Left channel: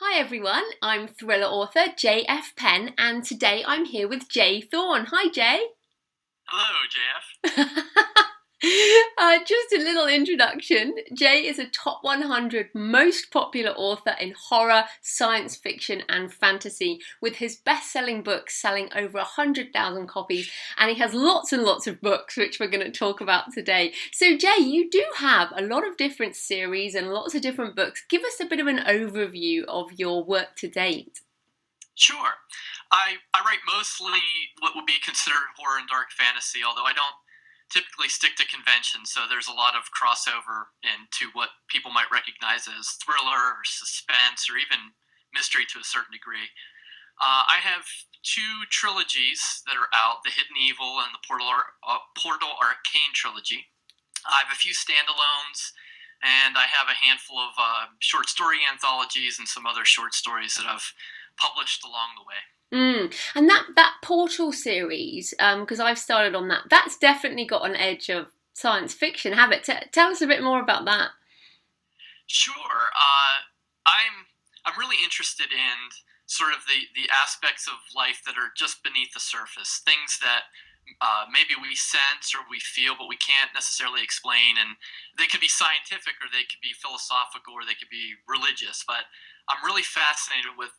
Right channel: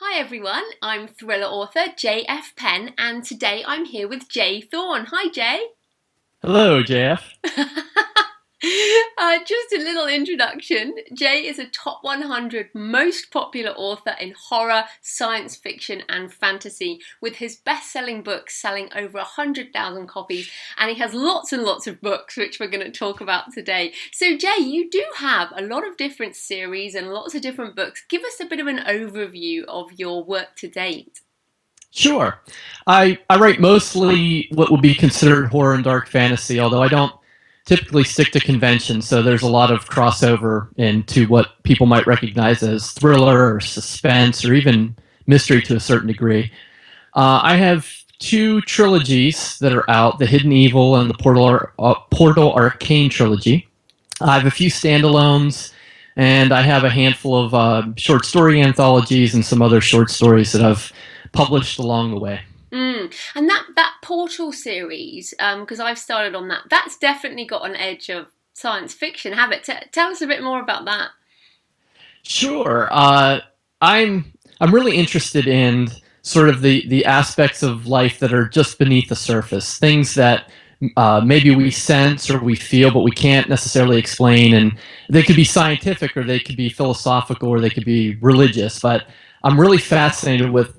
Hi everyone, I'm thriller author J.F.Penn and today I'm here with J Thorn. Hi Jay. Hello, JF. Just a little introduction. Jay is a top 100 most popular author in horror, science fiction, and fantasy, with his best selling books selling over 100,000 copies. And he has lots and lots of books, which we're going to talk about today. So, Jay, you do have a lot of different series and lots of different books. Give us a bit of an overview of your work to date. Sure. I write mostly what would be considered horror and dark fantasy, although I don't typically stick to convention, so there's a lot of crossover into what people might recognize as thriller or suspense or even mystery to a certain degree. I have two trilogies that are out, The Hidden Evil and the Portal Arcane trilogy. I have a few standalones, and I have a handful of short story anthologies and some other short stories that I've published along the way. And that Portal series, because I've started on that, that's definitely got an edge of science fiction. Have it? Tell us a bit more about that. Sure. I'm really interested in sort of the aspects of life that are just beneath the surface, things that maybe we sense or we feel, but we can't necessarily explain. And they could be scientific, or they could be philosophical, or they could be religious. But I'm really fascinated with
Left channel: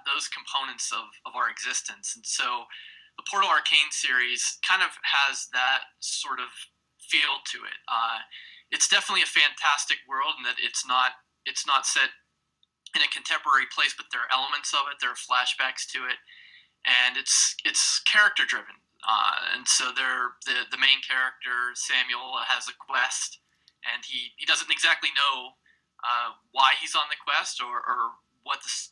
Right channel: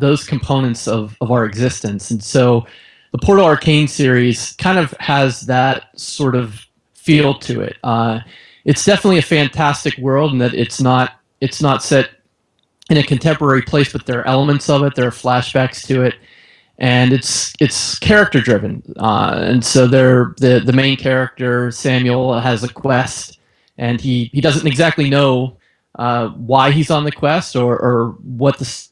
those components of our existence. And so the Portal Arcane series kind of has that sort of feel to it. It's definitely a fantastic world, and that it's not set in a contemporary place, but there are elements of it. There are flashbacks to it, and it's character driven. And so the main character Samuel has a quest, and he doesn't exactly know why he's on the quest, or what this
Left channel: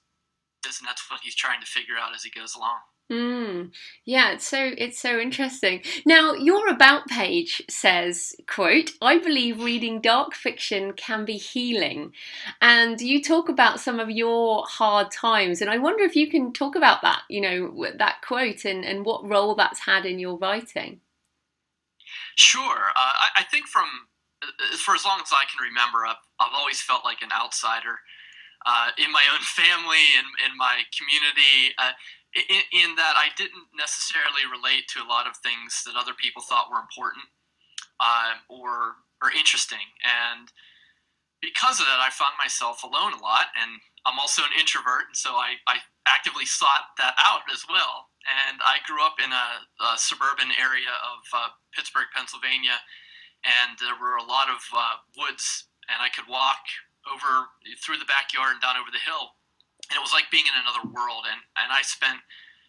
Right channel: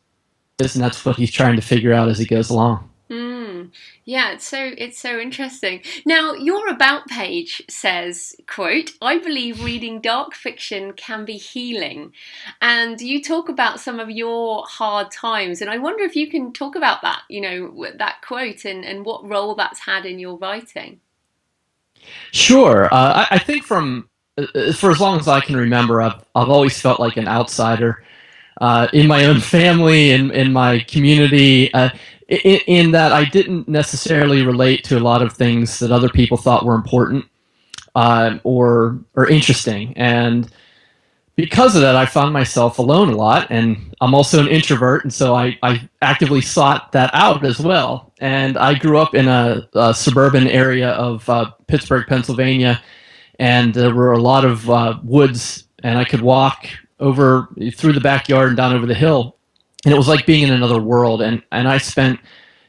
is, and that's what he's trying to figure out as he goes along. Mm. Yeah, it's so interesting. Now, your about page says, quote, "I believe reading dark fiction can be healing." And you talk about some of your hard times, and I wonder if you can talk about that, that quote and what role that's had in your writing. Sure. I think for as long as I can remember, I've always felt like an outsider in my own family, in my community, in that I didn't necessarily relate to a lot of things that other people thought were important or interesting. And because of that, I found myself alone a lot. And I'm also an introvert, and so I actively sought that out as well. And I grew up in a suburban area of Pittsburgh, Pennsylvania, and there were a lot of woods, and I could walk over through the backyard and down over the hill, and it was like being in another world. And I spent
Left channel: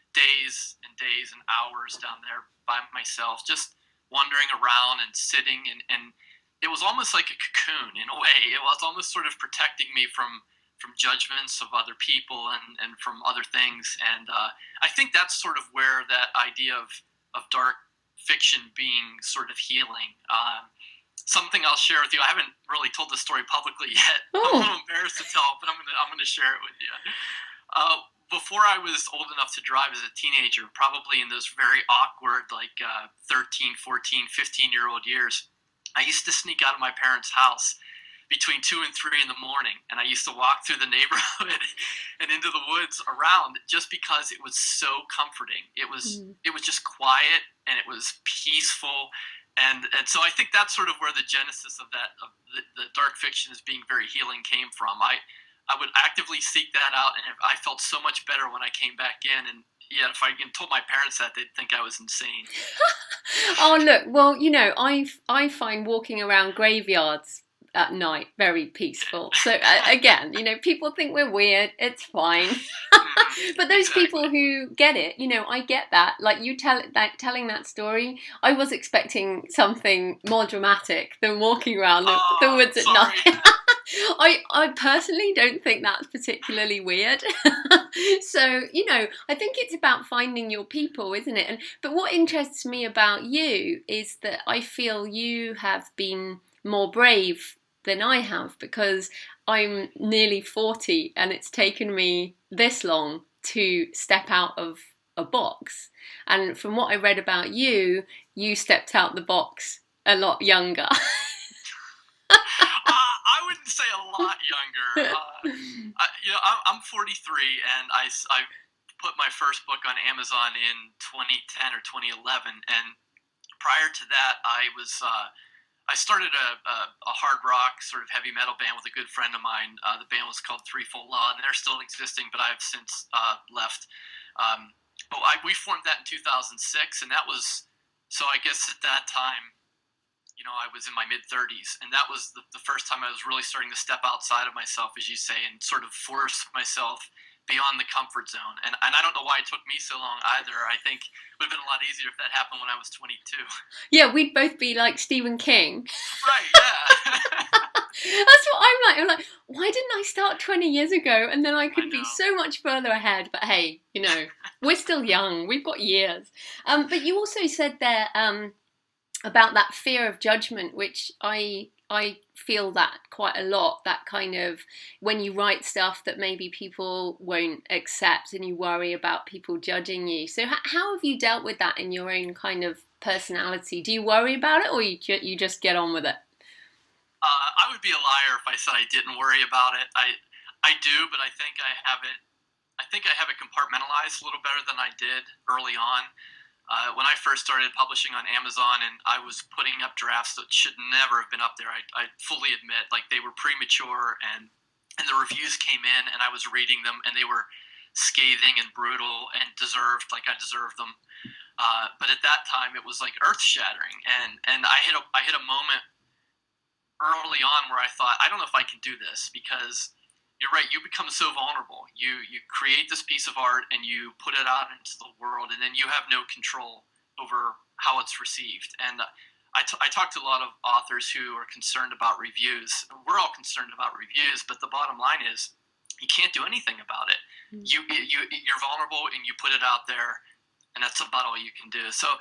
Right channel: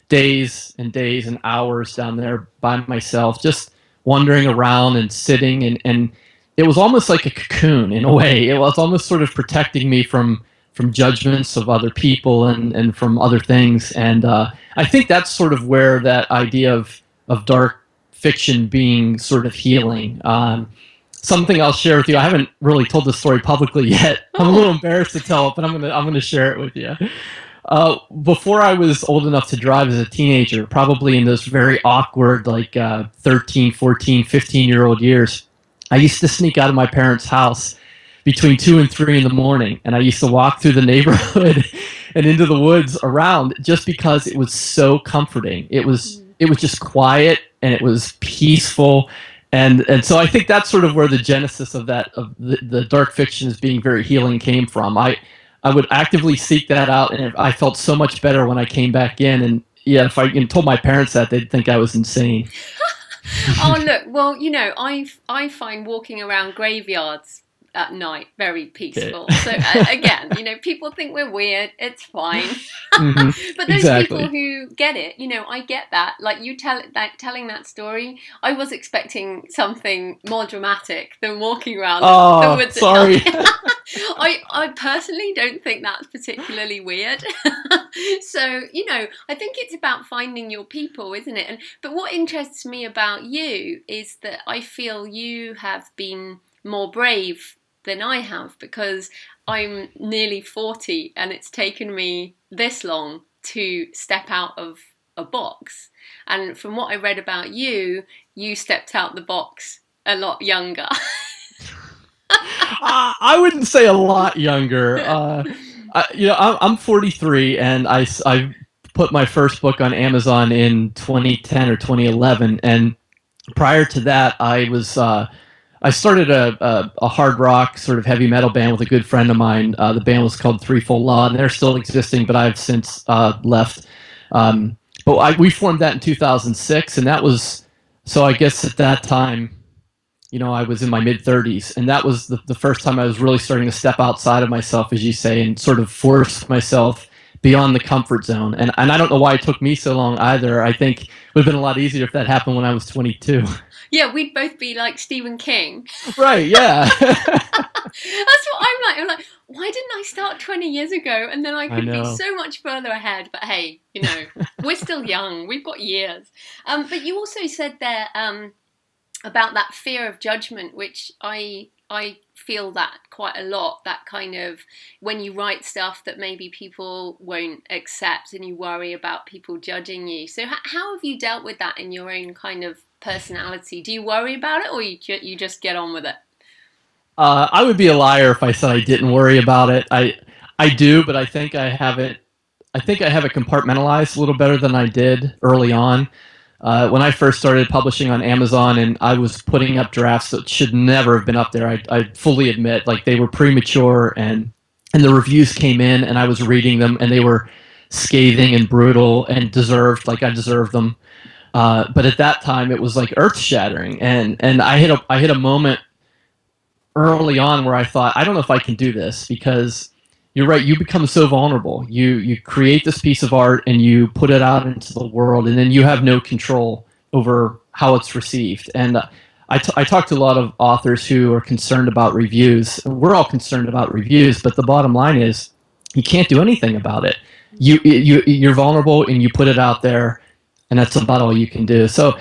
days and days and hours down there by myself, just wandering around and sitting, and it was almost like a cocoon in a way. It was almost sort of protecting me from judgments of other people and from other things. And I think that's sort of where that idea of dark fiction being sort of healing. Something I'll share with you. I haven't really told this story publicly yet. I'm a Oh. little embarrassed to tell it, but I'm gonna share it with you. Before I was old enough to drive as a teenager, probably in those very awkward, like 13, 14, 15-year-old years, I used to sneak out of my parents' house between 2 and 3 in the morning, and I used to walk through the neighborhood and into the woods around, just because it was so comforting. It was just quiet, and it was peaceful. And so I think that's sort of where the genesis of the dark fiction as being very healing came from. I would actively seek that out, and I felt so much better when I came back in. And yeah, if I told my parents that, they'd think I was insane. Oh, look, well, I find walking around graveyards at night very Yeah. peaceful. So again, people think we're weird. It's fine. Hmm. But those people Exactly. who get it, I get that. Like you telling that story, I was expecting something more dramatic than walking around the Oh, woods at night. sorry. I personally don't think that's particularly weird. So, I think it's about finding your people, isn't it? But what interests me about you is that I feel you have been more brave than I have, because I'm nearly 40 and it's taken me this long to step out of a box. And from what I read about you, you stepped out the box a lot younger. I wouldn't say a lot younger. I'm 43, and I put my first book on Amazon in 2010 or 2011, and prior to that, I started a hard rock sort of heavy metal band with a good friend of mine. The band was called Threefold Law, and they're still existing, but I've since left. But we formed that in 2006, and that was so. I guess at that time, I was in my mid 30s, and that was the first time I was really starting to step outside of myself, as you say, and sort of force myself beyond the comfort zone. And I don't know why it took me so long either. I think it would have been a lot easier if that happened when I was 22. Yeah, we'd both be like Stephen King. Right, yeah. That's what I'm like. I'm like, why didn't I start 20 years ago? And then I could be so much further ahead. But hey, we're still young. We've got years. But you also said there about that fear of judgment, which I feel that quite a lot. That kind of when you write stuff that maybe people won't accept and you worry about people judging you. So how have you dealt with that in your own kind of personality? Do you worry about it, or you just get on with it? I would be a liar if I said I didn't worry about it. I do, but I think I have it. I think I have it compartmentalized a little better than I did early on. When I first started publishing on Amazon, and I was putting up drafts that should never have been up there, I fully admit, like, they were premature, and the reviews came in, and I was reading them, and they were scathing and brutal and deserved, like I deserved them. But at that time, it was like earth shattering, and I hit a moment early on where I thought, I don't know if I can do this, because you're right, you become so vulnerable. You create this piece of art and you put it out into the world, and then you have no control over how it's received. And I talk to a lot of authors who are concerned about reviews. We're all concerned about reviews, but the bottom line is you can't do anything about it. You're vulnerable, and you put it out there, and that's about all you can do. So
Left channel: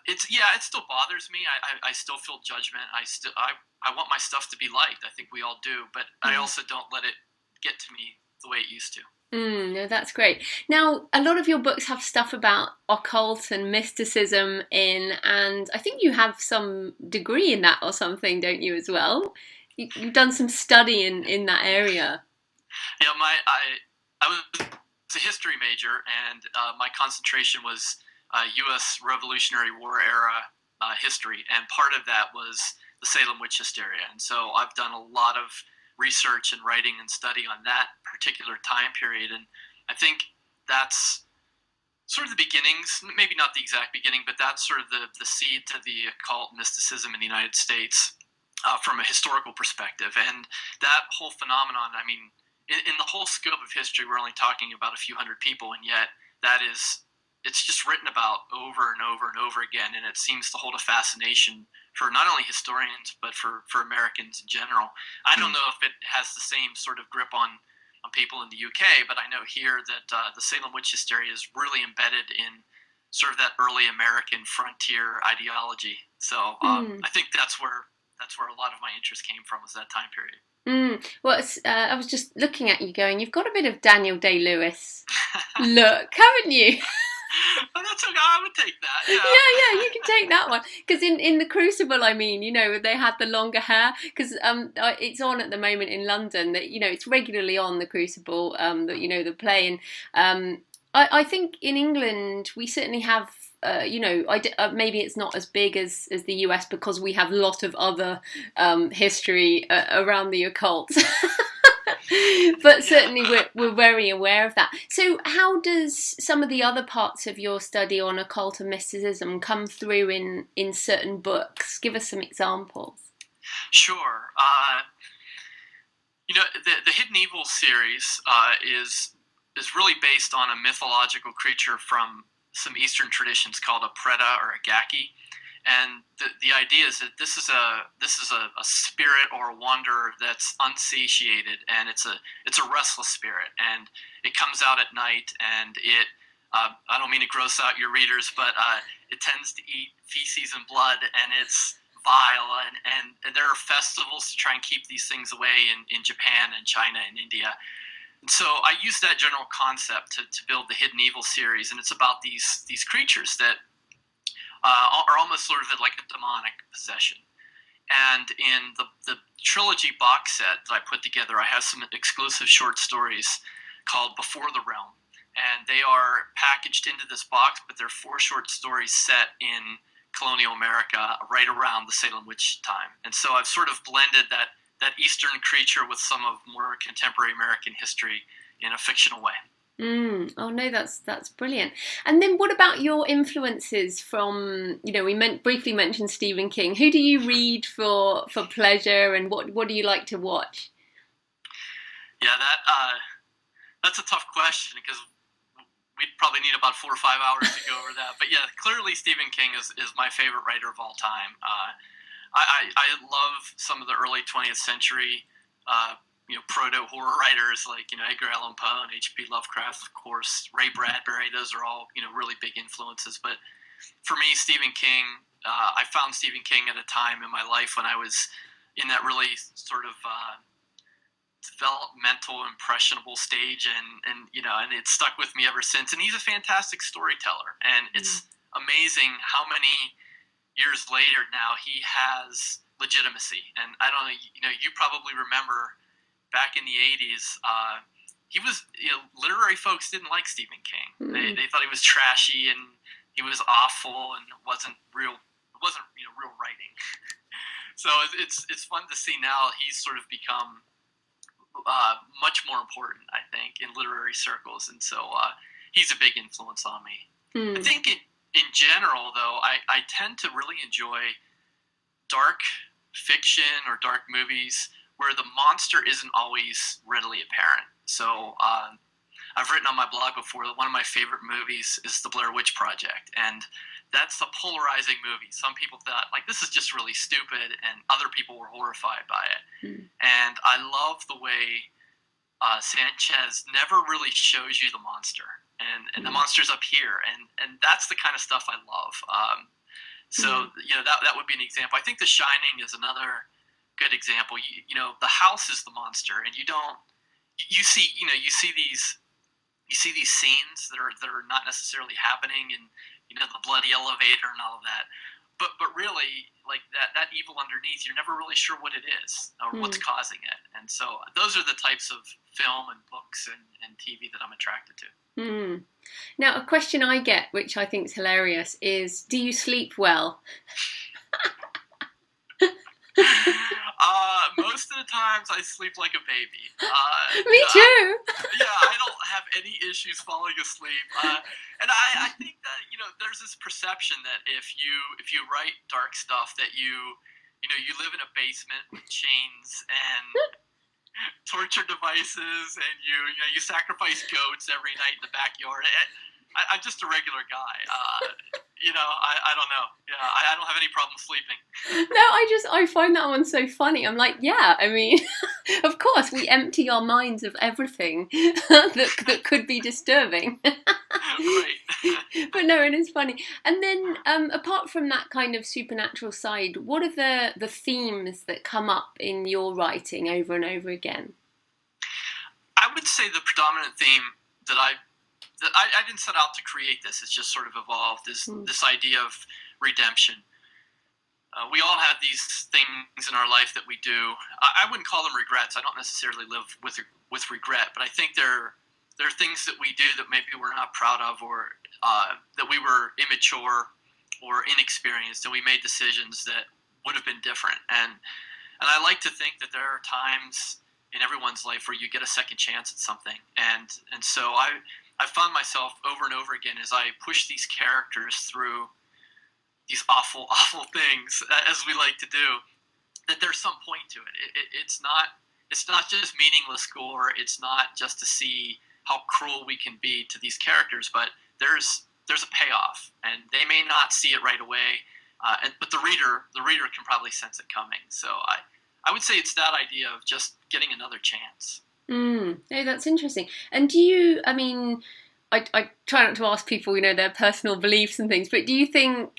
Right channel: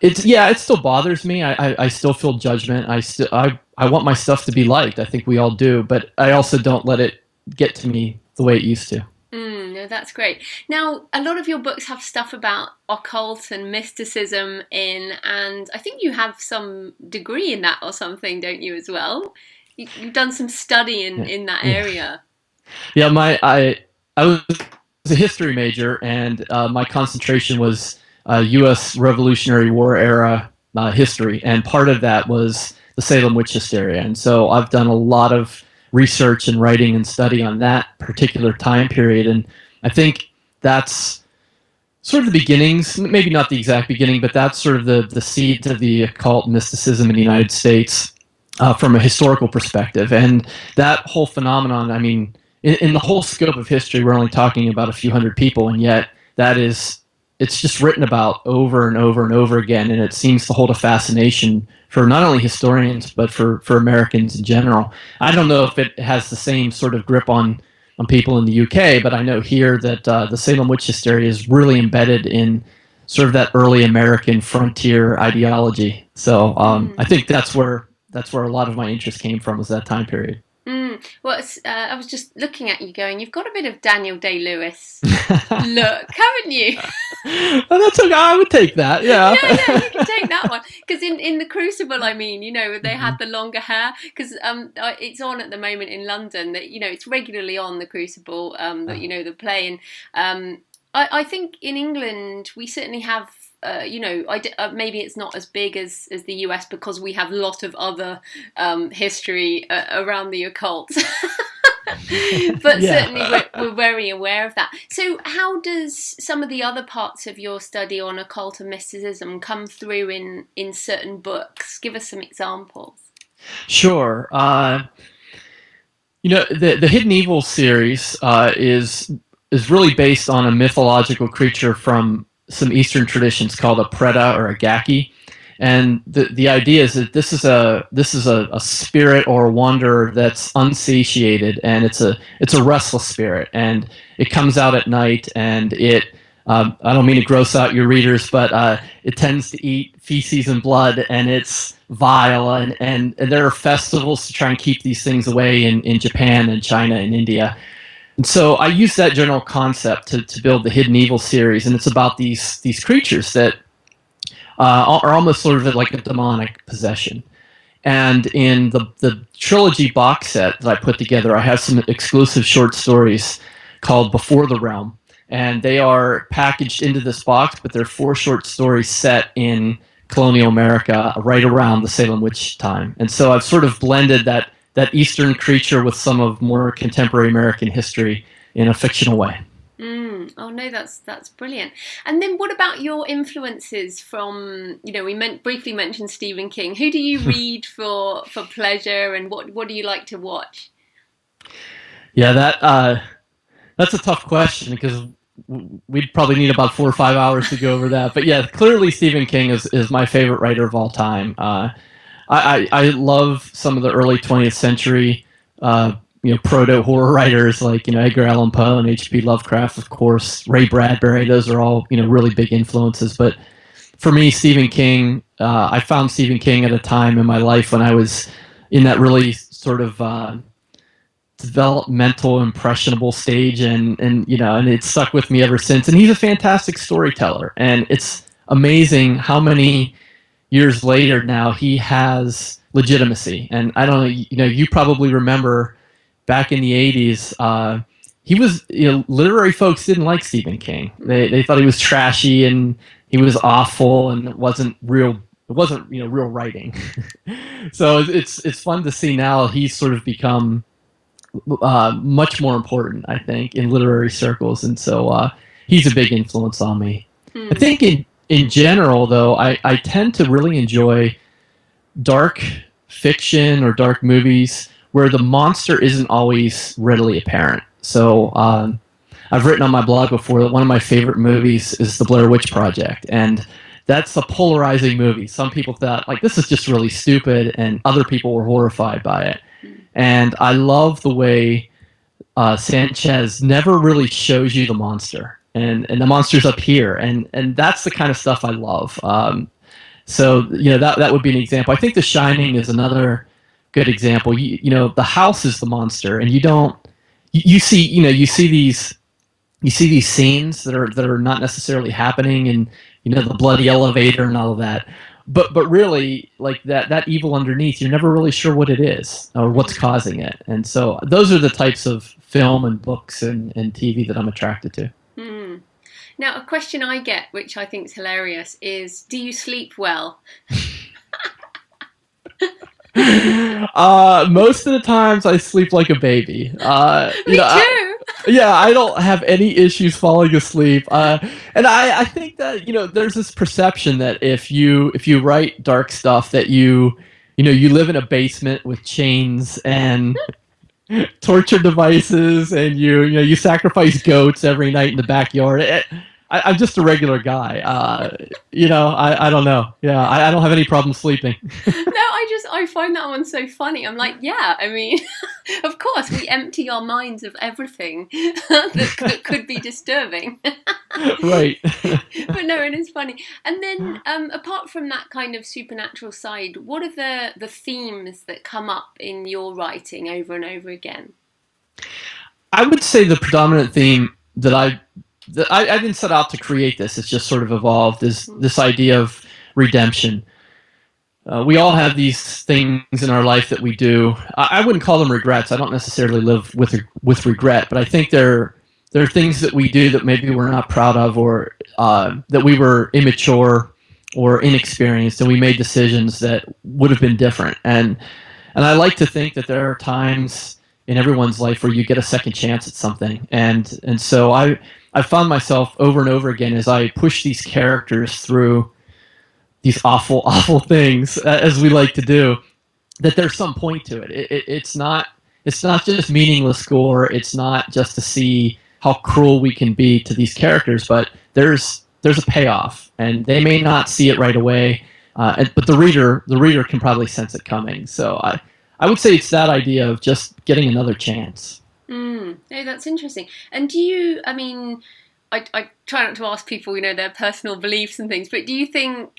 it still bothers me. I still feel judgment. I want my stuff to be liked. I think we all do, but I also don't let it get to me the way it used to. No, that's great. Now, a lot of your books have stuff about occult and mysticism in, and I think you have some degree in that or something, don't you, as well? You've done some study in that area. Yeah, I was a history major, and my concentration was U.S. Revolutionary War era history, and part of that was the Salem witch hysteria. And so I've done a lot of research and writing and study on that particular time period, and I think that's sort of the beginnings, maybe not the exact beginning, but that's sort of the seeds of the occult mysticism in the United States from a historical perspective. And that whole phenomenon, I mean, in the whole scope of history, we're only talking about a few hundred people, and yet it's just written about over and over and over again, and it seems to hold a fascination for not only historians, but for Americans in general. I don't know if it has the same sort of grip on people in the UK, but I know here that the Salem witch hysteria is really embedded in sort of that early American frontier ideology. So I think that's where a lot of my interest came from, was that time period. Well, I was just looking at you going, you've got a bit of Daniel Day-Lewis look, haven't you? Well, that's okay. I would take that, yeah. Yeah, you can take that one. Because in The Crucible, I mean, they had the longer hair, because it's on at the moment in London, that, it's regularly on The Crucible, the play. And I think in England, we certainly have maybe it's not as big as the US, because we have a lot of other history around the occult. But certainly we're very aware of that. So how does some of the other parts of your study on occult and mysticism come through in certain books? Give us some examples. Sure. The Hidden Evil series is really based on a mythological creature from some Eastern traditions called a preta or a gaki, and the idea is that this is a spirit or a wanderer that's unsatiated, and it's a restless spirit, and it comes out at night, and it I don't mean to gross out your readers, but it tends to eat feces and blood, and it's vile, and there are festivals to try and keep these things away in Japan and China and India. And so I use that general concept to build the Hidden Evil series, and it's about these creatures that are almost sort of like a demonic possession. And in the trilogy box set that I put together, I have some exclusive short stories called Before the Realm. And they are packaged into this box, but they're 4 short stories set in colonial America right around the Salem witch time. And so I've sort of blended that Eastern creature with some of more contemporary American history in a fictional way. Oh no, that's brilliant. And then what about your influences from, we briefly mentioned Stephen King. Who do you read for pleasure, and what do you like to watch? Yeah, that's a tough question because we'd probably need about 4 or 5 hours to go over that. But yeah, clearly Stephen King is my favorite writer of all time. I love some of the early 20th century proto horror writers like Edgar Allan Poe and H.P. Lovecraft, of course, Ray Bradbury. Those are all really big influences. But for me, Stephen King, I found Stephen King at a time in my life when I was in that really sort of developmental, impressionable stage, and it stuck with me ever since. And he's a fantastic storyteller, and it's amazing how many years later now he has legitimacy. And I don't know, you probably remember back in the 80s, he was, literary folks didn't like Stephen King. They thought he was trashy and he was awful and it wasn't real real writing. So it's fun to see now he's sort of become much more important, I think, in literary circles. And so he's a big influence on me. I think in general, though, I tend to really enjoy dark fiction or dark movies where the monster isn't always readily apparent. So I've written on my blog before that one of my favorite movies is The Blair Witch Project, and that's a polarizing movie. Some people thought, like, this is just really stupid, and other people were horrified by it. And I love the way Sanchez never really shows you the monster, and the monster's up here, and that's the kind of stuff I love. So that would be an example. I think The Shining is another good example. The house is the monster, and you see these scenes that are not necessarily happening, and the bloody elevator and all of that. But really, like that evil underneath, you're never really sure what it is or what's causing it. And so those are the types of film and books and TV that I'm attracted to. Now, a question I get, which I think is hilarious, is do you sleep well? Most of the times I sleep like a baby. Me too. I don't have any issues falling asleep. And I think that there's this perception that if you write dark stuff that you live in a basement with chains and torture devices, and you sacrifice goats every night in the backyard. I'm just a regular guy. I don't know. Yeah, I don't have any problem sleeping. No, I find that one so funny. I'm like, yeah, I mean, of course, we empty our minds of everything that could be disturbing. Right. But no, it is funny. And then, apart from that kind of supernatural side, what are the themes that come up in your writing over and over again? I would say the predominant theme that I didn't set out to create this. It's just sort of evolved. Is this idea of redemption? We all have these things in our life that we do. I wouldn't call them regrets. I don't necessarily live with regret, but I think there are things that we do that maybe we're not proud of, or that we were immature or inexperienced, and we made decisions that would have been different. And I like to think that there are times in everyone's life where you get a second chance at something, and so I found myself over and over again as I push these characters through these awful, awful things, as we like to do, that there's some point to it. It's not just meaningless gore. It's not just to see how cruel we can be to these characters, but there's a payoff, and they may not see it right away, but the reader can probably sense it coming. So I would say it's that idea of just getting another chance. No, that's interesting. And do you, I mean, I try not to ask people, their personal beliefs and things, but do you think,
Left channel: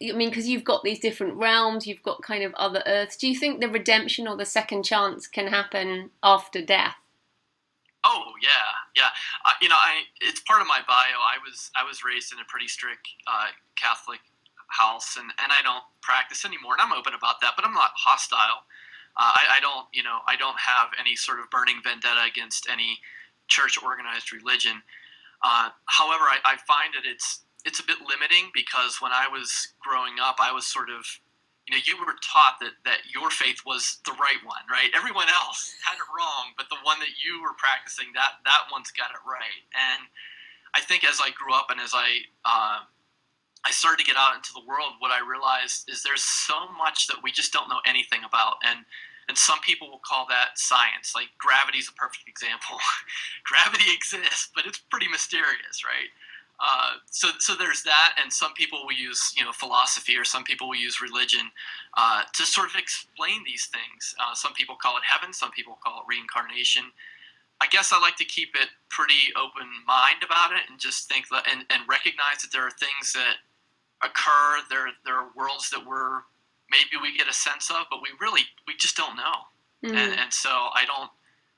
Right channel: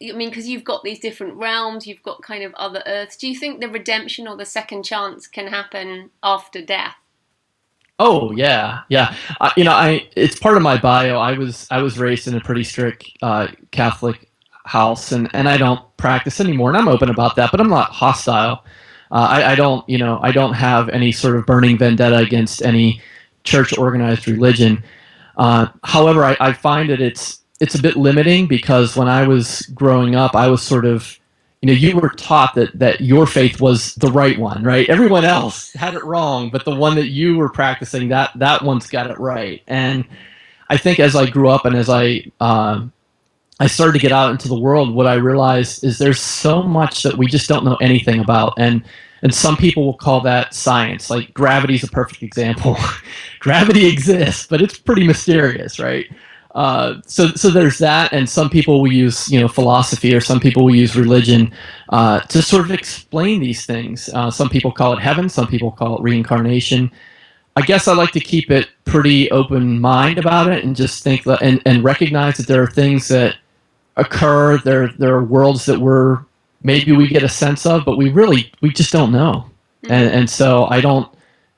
because you've got these different realms, you've got kind of other Earths, do you think the redemption or the second chance can happen after death? Oh yeah. It's part of my bio. I was raised in a pretty strict Catholic house, and I don't practice anymore, and I'm open about that, but I'm not hostile. I don't, I don't have any sort of burning vendetta against any church organized religion. However, I find that it's a bit limiting, because when I was growing up, I was sort of, you were taught that your faith was the right one, right? Everyone else had it wrong, but the one that you were practicing, that one's got it right. And I think as I grew up and as I started to get out into the world, what I realized is there's so much that we just don't know anything about. And some people will call that science. Like gravity is a perfect example. Gravity exists, but it's pretty mysterious, right? So there's that, and some people will use philosophy, or some people will use religion to sort of explain these things. Some people call it heaven, some people call it reincarnation. I guess I like to keep it pretty open mind about it, and just think that, and recognize that there are things that occur. There are worlds that maybe we get a sense of, but we just don't know. Mm-hmm. And so I don't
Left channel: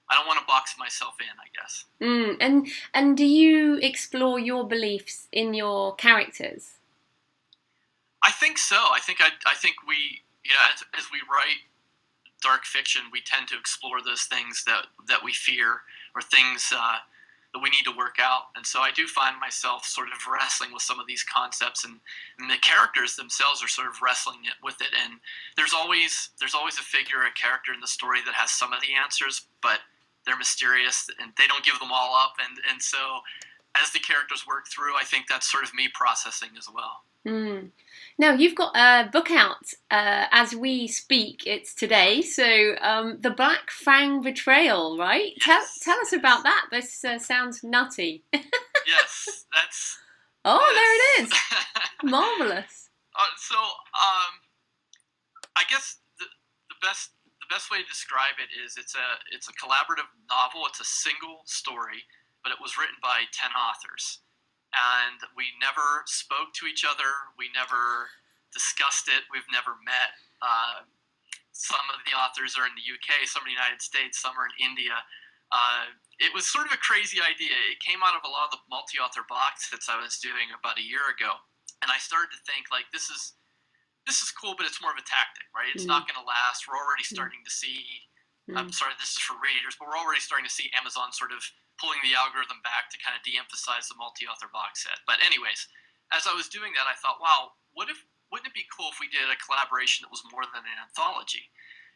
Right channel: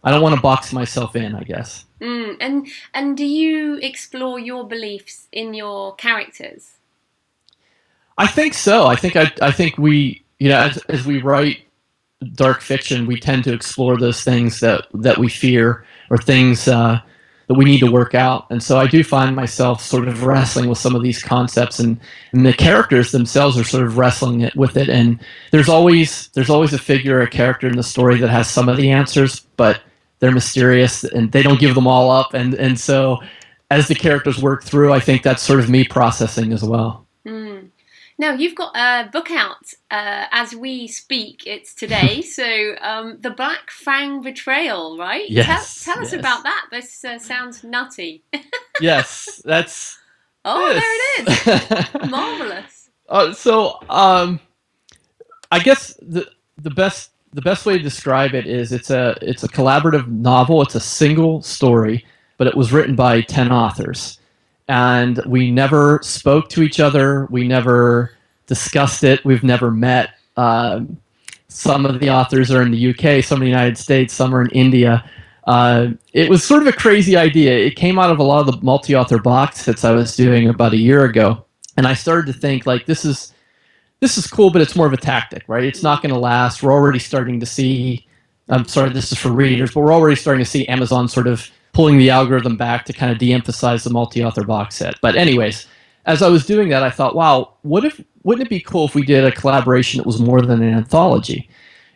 want to box myself in, I guess. And do you explore your beliefs in your characters? I think so. I think we, as we write dark fiction, we tend to explore those things that we fear, or things that we need to work out. And so I do find myself sort of wrestling with some of these concepts, and the characters themselves are sort of wrestling with it. And there's always a figure, a character in the story that has some of the answers, but they're mysterious and they don't give them all up. And so as the characters work through, I think that's sort of me processing as well. Now, you've got a book out as we speak. It's today. So The Black Fang Betrayal, right? Yes. Tell us about that. This sounds nutty. Yes, that's... Oh, there it is. Marvelous. I guess the best way to describe it is it's a collaborative novel. It's a single story, but it was written by 10 authors. And we never spoke to each other. We never discussed it. We've never met. Some of the authors are in the UK, some in the United States, some are in India. It was sort of a crazy idea. It came out of a lot of the multi-author box sets I was doing about a year ago. And I started to think, like, this is cool, but it's more of a tactic, right? It's not going to last. We're already starting to see, I'm sorry, this is for readers, but we're already starting to see Amazon sort of pulling the algorithm back to kind of de-emphasize the multi-author box set. But anyways, as I was doing that, I thought, wow, wouldn't it be cool if we did a collaboration that was more than an anthology?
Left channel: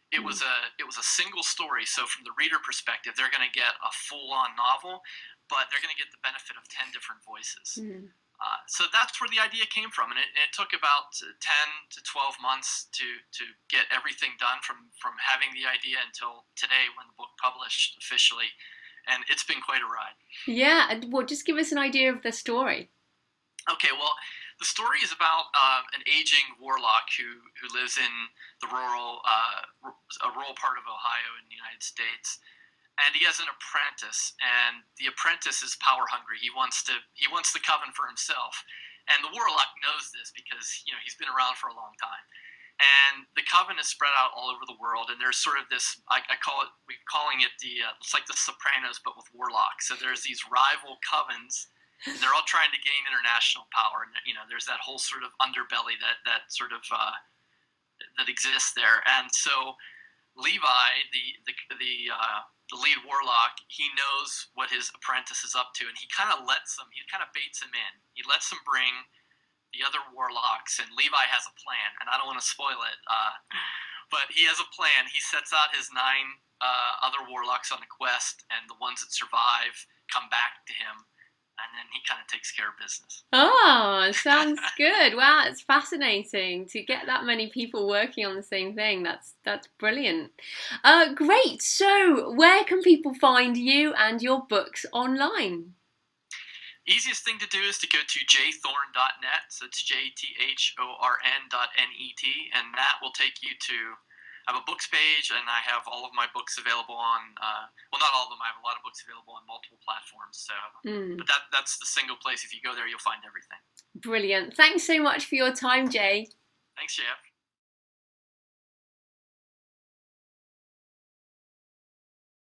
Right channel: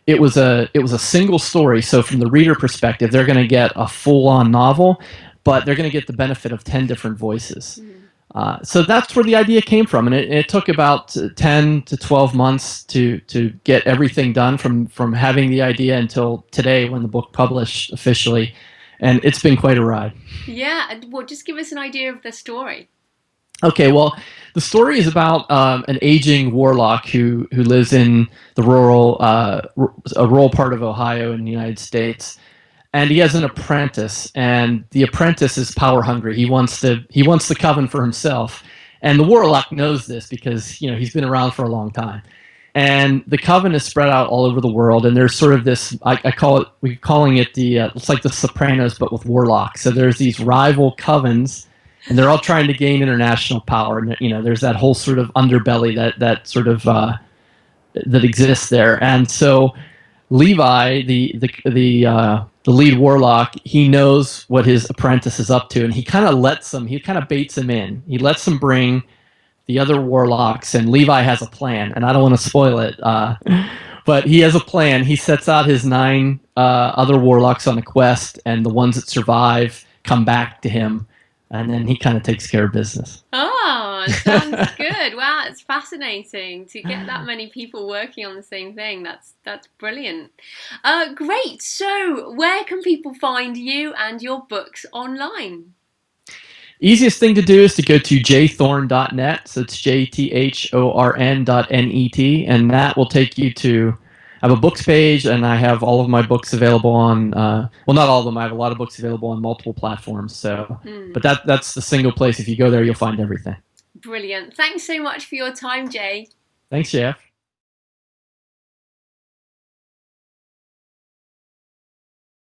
It was a single story, so from the reader perspective, they're going to get a full-on novel, but they're going to get the benefit of 10 different voices. So that's where the idea came from, and it took about 10 to 12 months to get everything done from having the idea until today when the book published officially. And it's been quite a ride. Yeah, well, just give us an idea of the story. Okay, well, the story is about an aging warlock who lives in the rural part of Ohio in the United States, and he has an apprentice, and the apprentice is power hungry. He wants the coven for himself, and the warlock knows this because he's been around for a long time. And the coven is spread out all over the world, and there's sort of this, we're calling it it's like the Sopranos, but with warlocks. So there's these rival covens, and they're all trying to gain international power. And there's that whole sort of underbelly that sort of that exists there. And so Levi, the lead warlock, he knows what his apprentice is up to, and he kind of baits him in. He lets him bring the other warlocks, and Levi has a plan, and I don't want to spoil it, but he has a plan. He sets out his 9 other warlocks on a quest, and the ones that survive come back to him, and then he kind of takes care of business. Oh, sounds good. Wow, it's fascinating to get that many people working on the same thing. That's brilliant. Great. So where can people find you and your books online? Easiest thing to do is to go to jthorn.net, so it's jthorn.net, and that will take you to, I have a books page, and I have all of my books available on, well, not all of them, I have a lot of books available on multiple platforms, so, but that's the single place. If you go there, you'll find everything. Brilliant. Thanks so much for your time, Jay. Thanks, Jeff.